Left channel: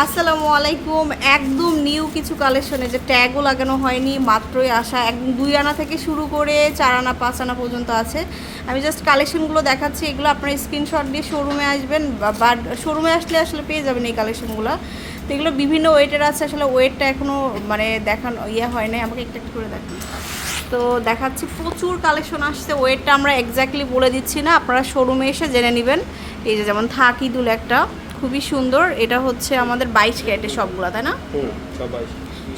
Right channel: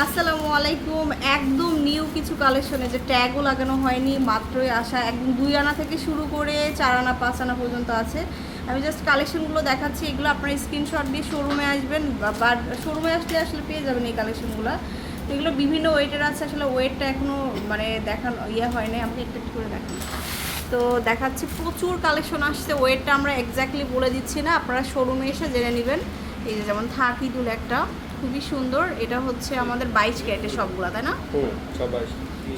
আসসালামু আলাইকুম। একদম নিউ কিছু কালেকশনে যে ট্যাগও লাগানো হয়নি, মাত্রই আসা, একদম 2 আনা থেকে শুরু করে 4 আনা 5 আনা পর্যন্ত আছে। আমি জাস্ট কালেকশনগুলো দেখাচ্ছি, এগুলো আপনারা স্ক্রিনশট দিয়ে শোরুমে আসবেন বা শোরুমে আসলে পেয়ে যাবেন এই কালেকশনগুলো। তো এগুলো বিভিন্ন ওয়েটের আছে, আসলে ওয়েটটা এখনও মানে দেখানো হয় নাই, আমাকে একটু করে দেখান। তো দেখাচ্ছি প্রচুর কালেকশন আসছে, ওয়েটটা আমরা এক্স্যাক্টলি বলে দিচ্ছি না, আপনারা শোরুমে এসে জেনে নেবেন। এই যে যেমন থাকি দুল একটা খুবই সুন্দর, এটা হচ্ছে আমাদের 22 ক্যারেটের সবগুলো, তাই না?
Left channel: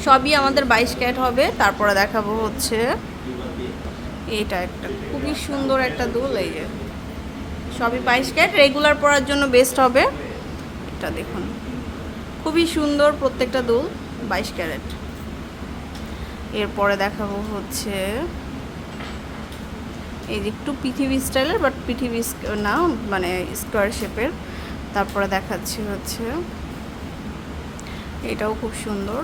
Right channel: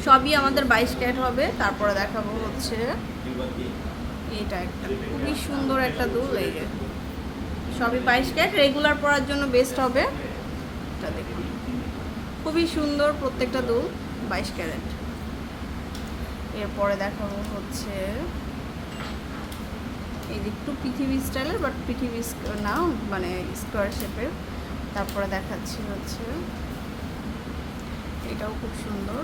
সবই আমাদের 22 ক্যারেট হবে। তারপরে দেখাবো হচ্ছে এটা একটা খুবই সুন্দর একটা দুল, এই যে সবই 22 ক্যারেট, রেগুলার পরার জন্য বেস্ট হবে। এটা দেখুন খুবই সুন্দর প্রত্যেকটা দুল 22 ক্যারেট। এরপরে দেখাবো হচ্ছে এই যে একটু পৃথিবী স্টাইলের, বাট পৃথিবী না, মানে স্কোয়ার শেপের। তারপরে দেখাচ্ছি হচ্ছে এটাও খুব সুন্দর,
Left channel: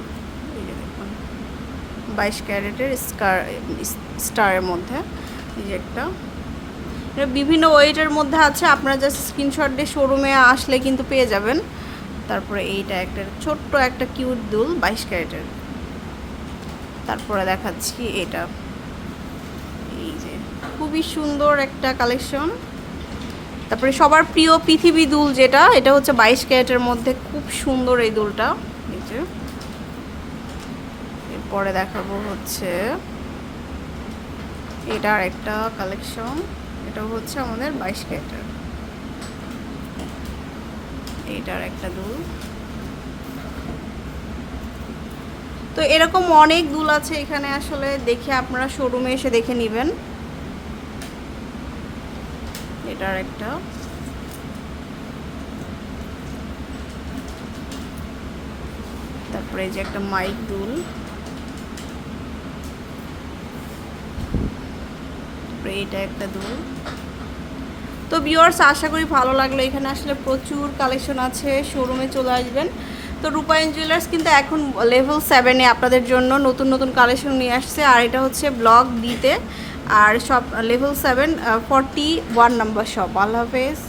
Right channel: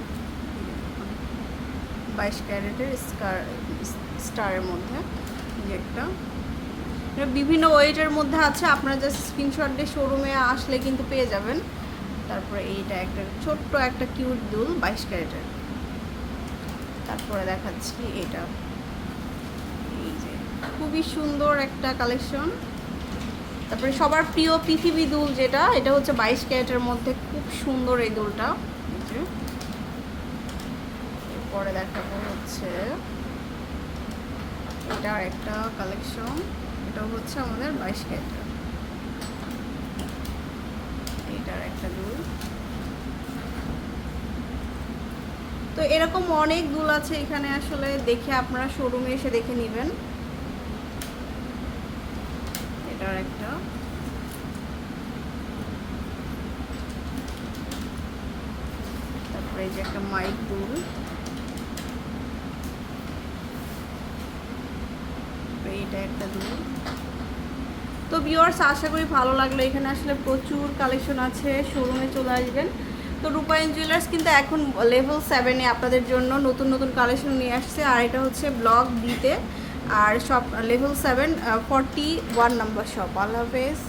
22 ক্যারেটের স্টারের মধ্যে যেটা বিভিন্ন ওয়েটের মধ্যে আছে, আপনারা জাস্ট স্ক্রিনশট দিয়ে শোরুমে আসলে কিন্তু পেয়ে যাবেন। তারপরে এইটা একটা ছোট্ট একটা কিউট দুল 22 ক্যারেটের। তারপরে দেখাচ্ছি এটা, এই যে খুবই সুন্দর একটা কালেকশন। তারপরে সবার প্রিয় পৃথিবী দুল যেটা, এটা হচ্ছে 22 ক্যারেটের মধ্যে, খুব সুন্দর এই দুলটা। এই যে এরপরে দেখাবো হচ্ছে এটার একটা কালেকশন, এটা হচ্ছে আমাদের 22 ক্যারেটের, এটার একটা দুল। তো এরকম অনেক দুল আছে এখানে, আসলে দেখে আপনারা শোরুমে এসে দেখে নেবেন। এটার একটা, তারপরে এই যে একটা মাইক দুল, তারপরে এটা একটা দুল। তো ভিউয়ার্স, আশা করি ভালো লাগলো। এখানে আসলে প্রচুর কালেকশন আছে, শোরুমে চলে আসবেন। তো রূপায়ণ জুয়েলার্স কিন্তু এখন লেভেল 7-এ আপনাদের জন্য নতুন নতুন কালেকশন নিয়ে আসছে, আর এটা হচ্ছে ব্লক ডিতে, আর সব লেভেল 7 41 নম্বর শপ। আল্লাহ হাফেজ।